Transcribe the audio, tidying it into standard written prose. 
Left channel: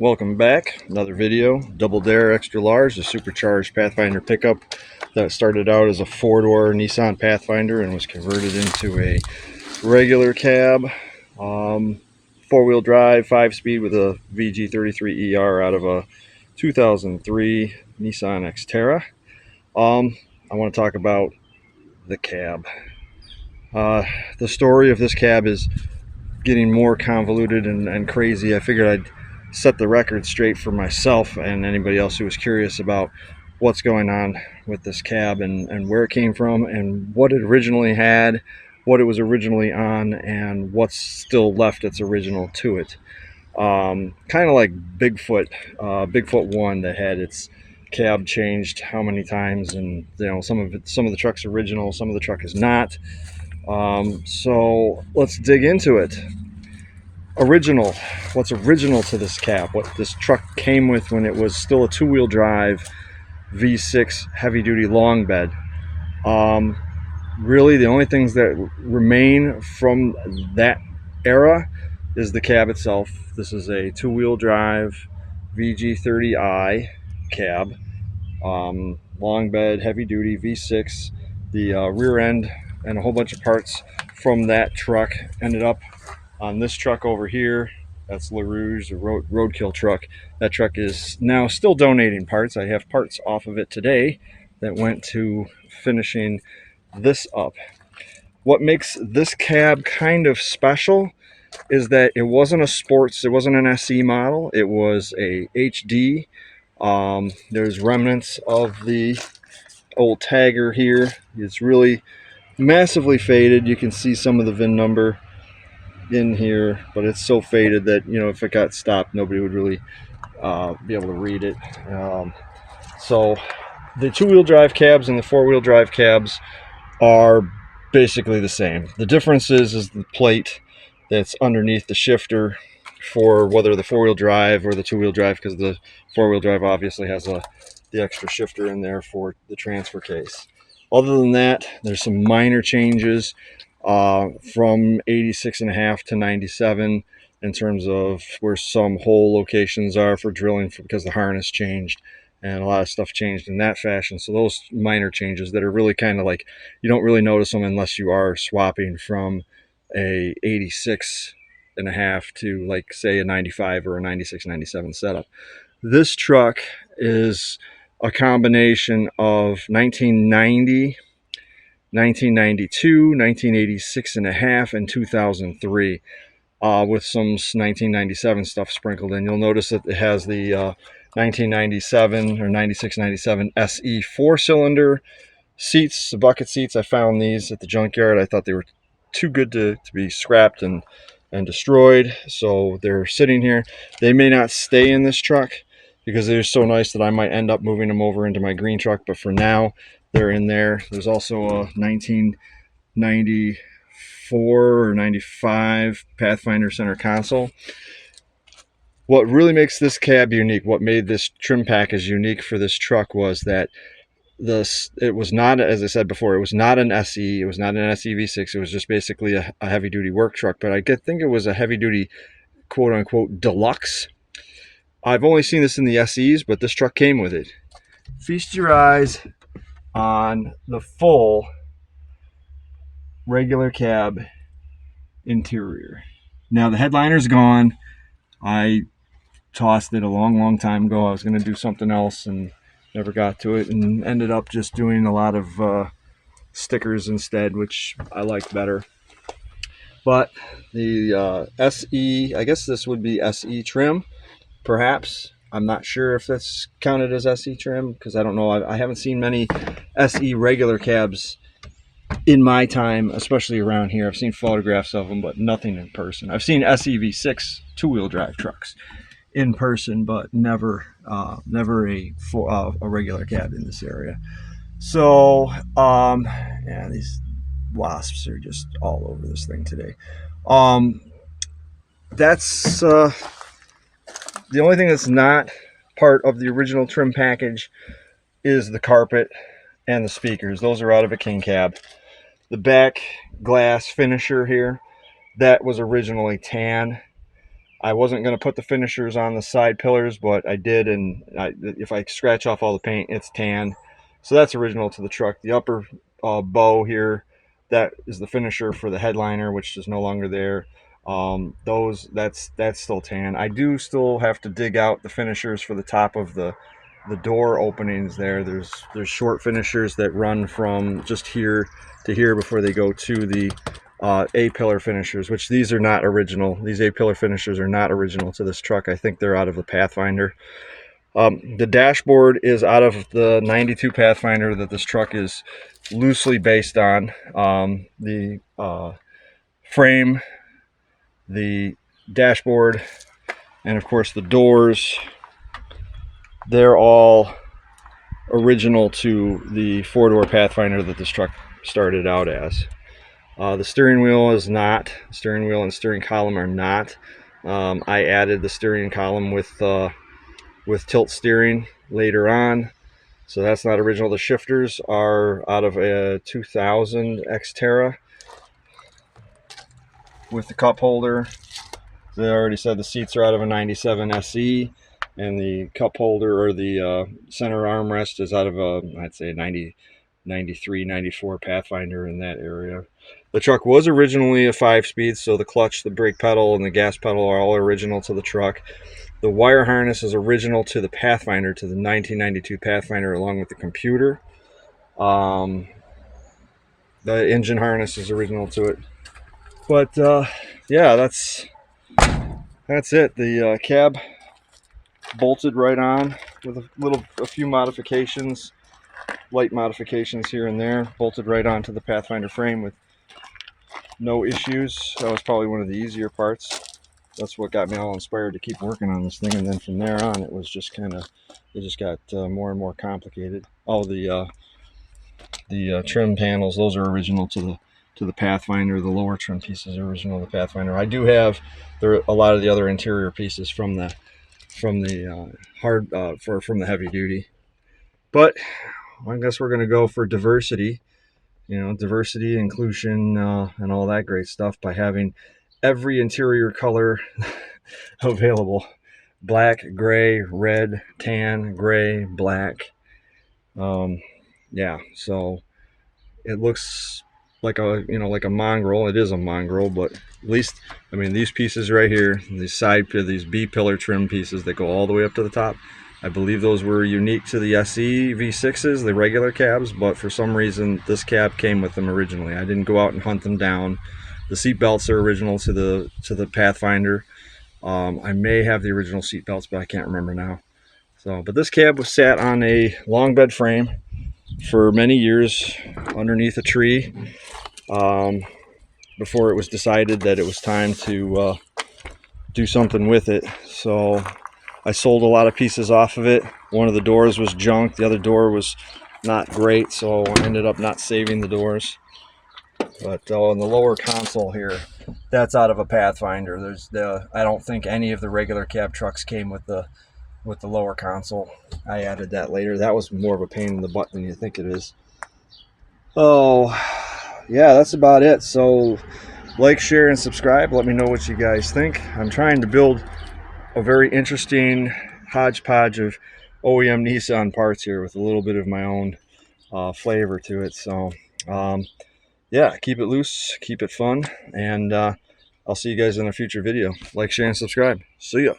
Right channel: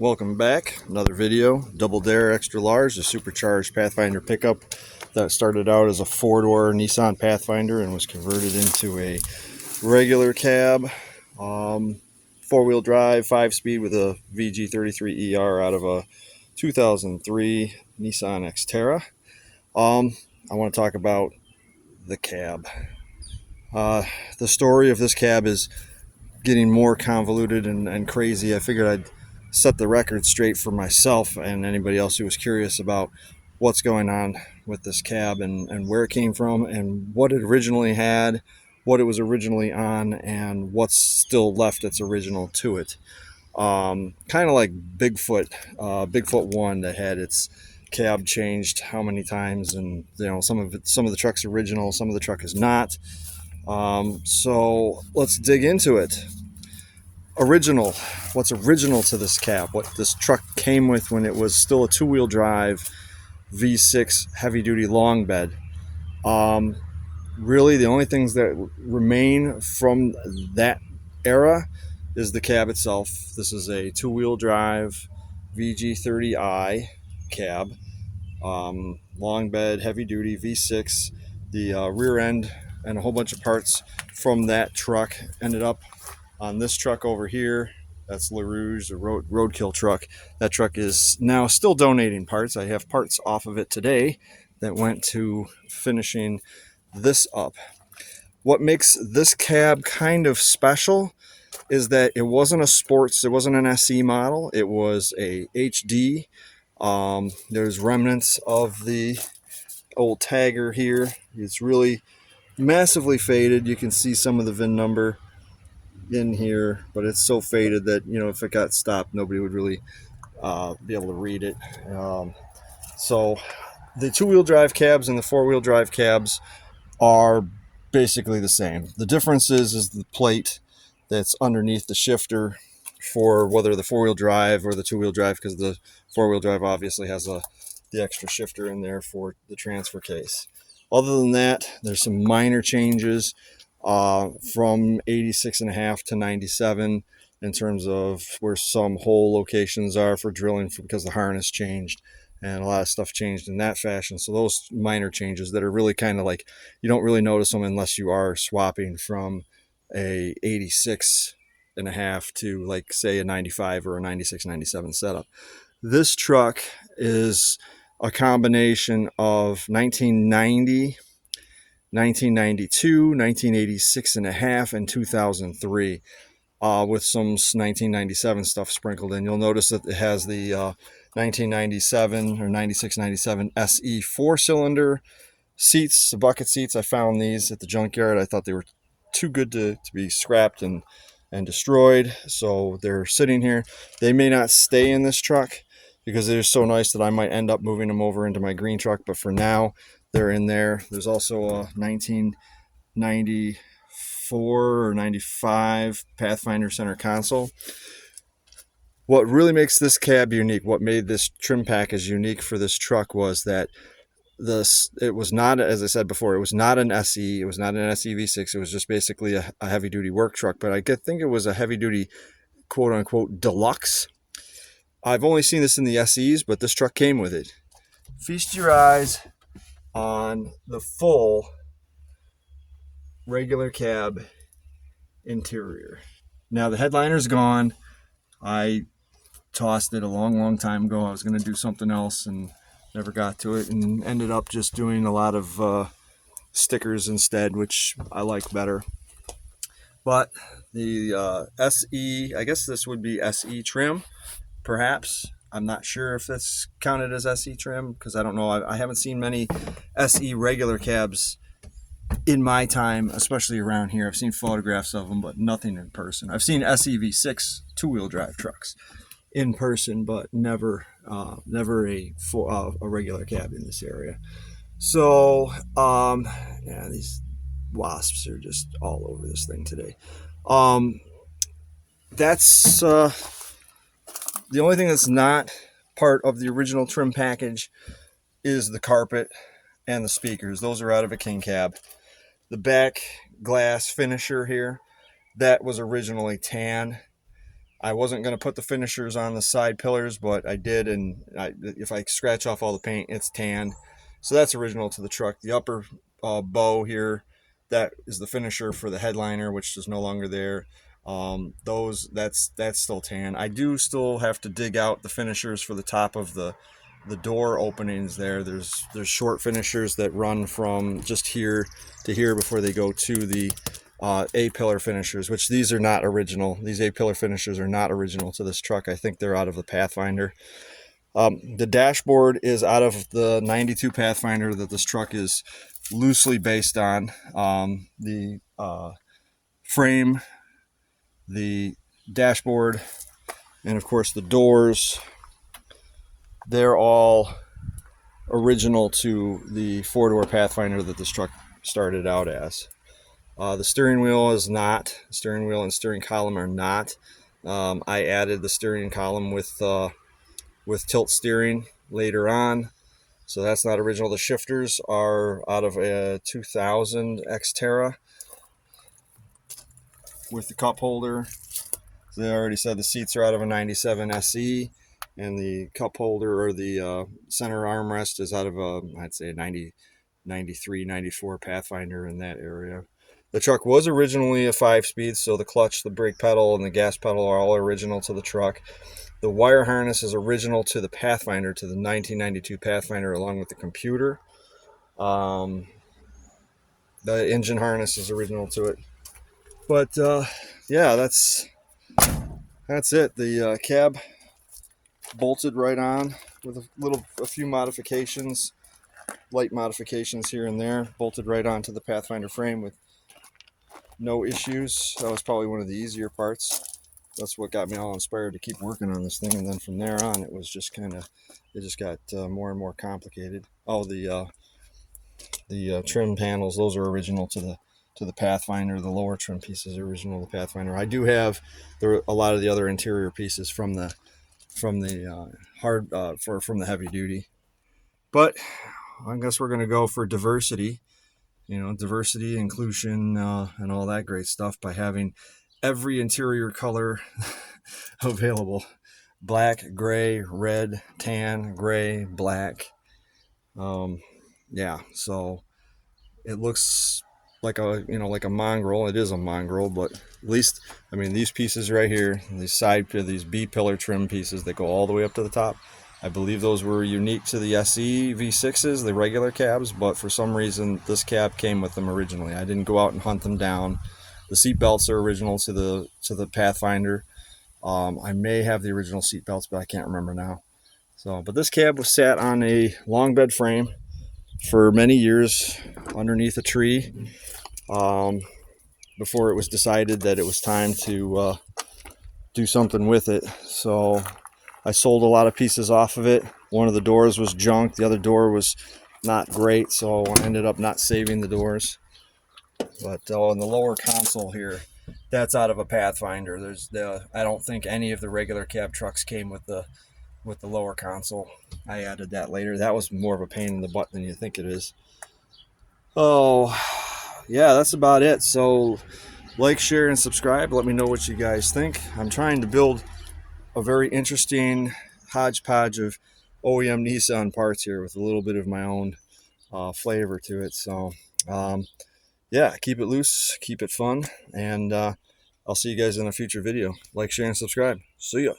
Welcome back. Another video. Double Dare Extra Large, the Supercharged Pathfinder pickup that started out as a four-door Nissan Pathfinder and was converted into a regular cab, four-wheel drive, 5-speed with a VG33ER out of a 2003 Nissan Xterra. I want to talk about the cab. The story of this cab is getting more convoluted and crazy. I figured I'd set the record straight for myself and anybody else who was curious about what's going on with this cab and where it came from and what it originally had, what it was originally on, and what's still left that's original to it. Kind of like Bigfoot 1 that had its cab changed how many times, and some of the truck's original, some of the truck is not. So let's dig into it. What's original to this cab, what this truck came with when it was still a two-wheel drive V6 heavy-duty long bed. Really the only things that remain from that era is the cab itself. This is a two-wheel drive VG30i cab, long bed, heavy-duty V6. The rear end and a whole bunch of parts from that truck ended up on this truck over here. That's LaRouge, the roadkill truck. That truck is now still donating parts. I have parts off of it today that went to finishing this up. What makes this cab kind of special is that it wasn't a sports, it wasn't an SE model, it was a HD. There's remnants of the old tagger here. It's really massively faded. You can see some of the VIN number in here, but it's so faded that if it got stopped, nobody would really be able to read it. So the two-wheel drive cabs and the four-wheel drive cabs are basically the same. The difference is the plate that's underneath the shifter for whether the four-wheel drive or the two-wheel drive, because the four-wheel drive obviously has the extra shifter in there for the transfer case. Other than that, there's some minor changes from 86.5 to 97 in terms of where some hole locations are for drilling, because the harness changed and a lot of stuff changed in that fashion. So those minor changes that are really kind of like, you don't really notice them unless you are swapping from a 86.5 to, like, say, a 95 or a 96, 97 setup. This truck is a combination of 1990, 1992, 1986.5, and 2003, with some 1997 stuff sprinkled in. You'll notice that it has the 1997 or 96, 97 SE 4-cylinder seats, the bucket seats. I found these at the junkyard. I thought they were too good to be scrapped and destroyed, so they're sitting here. They may not stay in this truck because they're so nice that I might end up moving them over into my green truck, but for now they're in there. There's also a 1994 or 95 Pathfinder center console. What really makes this cab unique, what made this trim package unique for this truck, was that it was not, as I said before, it was not an SE, it was not an SE V6, it was just basically a heavy-duty work truck, but I think it was a heavy-duty quote-unquote deluxe. I've only seen this in the SEs, but this truck came with it. Feast your eyes on the full regular cab interior. Now the headliner's gone. I tossed it a long time ago. I was going to do something else and never got to it, and ended up just doing a lot of stickers instead, which I liked better. But the SE, I guess this would be SE trim, perhaps. I'm not sure if that's counted as SE trim, because I don't know. I haven't seen many SE regular cabs in my time, especially around here. I've seen photographs of them, but nothing in person. I've seen SE V6 two-wheel drive trucks in person, but never a regular cab in this area. So yeah, these wasps are just all over this thing today. That's the only thing that's not part of the original trim package is the carpet and the speakers. Those are out of a king cab. The back glass finisher here, that was originally tan. I wasn't going to put the finishers on the side pillars, but I did, and if I scratch off all the paint, it's tan. So that's original to the truck. The upper bow here, that is the finisher for the headliner, which is no longer there. That's still tan. I do still have to dig out the finishers for the top of the door openings there. There's short finishers that run from just here to here before they go to the A-pillar finishers, which these are not original. These A-pillar finishers are not original to this truck. I think they're out of the Pathfinder. The dashboard is out of the 92 Pathfinder that this truck is loosely based on. The frame, the dashboard, and of course the doors, they're all original to the four-door Pathfinder that this truck started out as. The steering wheel is not. The steering wheel and steering column are not. I added the steering column with tilt steering later on, so that's not original. The shifters are out of a 2000 Xterra with the cup holder. They already said the seats are out of a 97 SE, and the cup holder, or the center armrest, is out of a, I'd say, 93, 94 Pathfinder, in that area. The truck was originally a 5-speed, so the clutch, the brake pedal, and the gas pedal are all original to the truck. The wire harness is original to the Pathfinder, to the 1992 Pathfinder, along with the computer. The engine harness is original to it. But yeah, that's it. The cab bolted right on with a few modifications, light modifications here and there, bolted right onto the Pathfinder frame with no issues. That was probably one of the easier parts. That's what got me all inspired to keep working on this thing, and then from there on it was just kind of, it just got more and more complicated. Oh, the trim panels, those are original to the Pathfinder. The lower trim pieces are original to the Pathfinder. I do have a lot of the other interior pieces from the heavy duty, but I guess we're going to go for diversity. You know, diversity, inclusion, and all that great stuff by having every interior color available: black, gray, red, tan, gray, black. Yeah, so it looks like a mongrel. It is a mongrel, but at least, I mean, these pieces right here, these B pillar trim pieces that go all the way up to the top, I believe those were unique to the SE V6s, the regular cabs, but for some reason this cab came with them originally. I didn't go out and hunt them down. The seat belts are original to the Pathfinder. I may have the original seat belts, but I can't remember now. So, but this cab was sat on a long bed frame for many years underneath a tree, before it was decided that it was time to do something with it. So I sold a lot of pieces off of it. One of the doors was junk. The other door was not great, so I ended up not saving the doors. But in the lower console here, that's out of a Pathfinder. I don't think any of the regular cab trucks came with the lower console. I added that later. That was more of a pain in the butt than you think it is. Oh, yeah, that's about it. So like, share, and subscribe. Let me know what you guys think. I'm trying to build a very interesting hodgepodge of OEM Nissan parts here with a little bit of my own flavor to it. So yeah, keep it loose, keep it fun, and I'll see you guys in a future video. Like, share, and subscribe. See ya.